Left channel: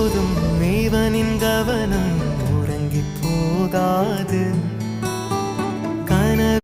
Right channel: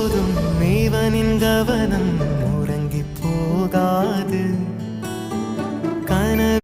போதும். மேவனின் கவனம் உறங்கி போகாது. கனவு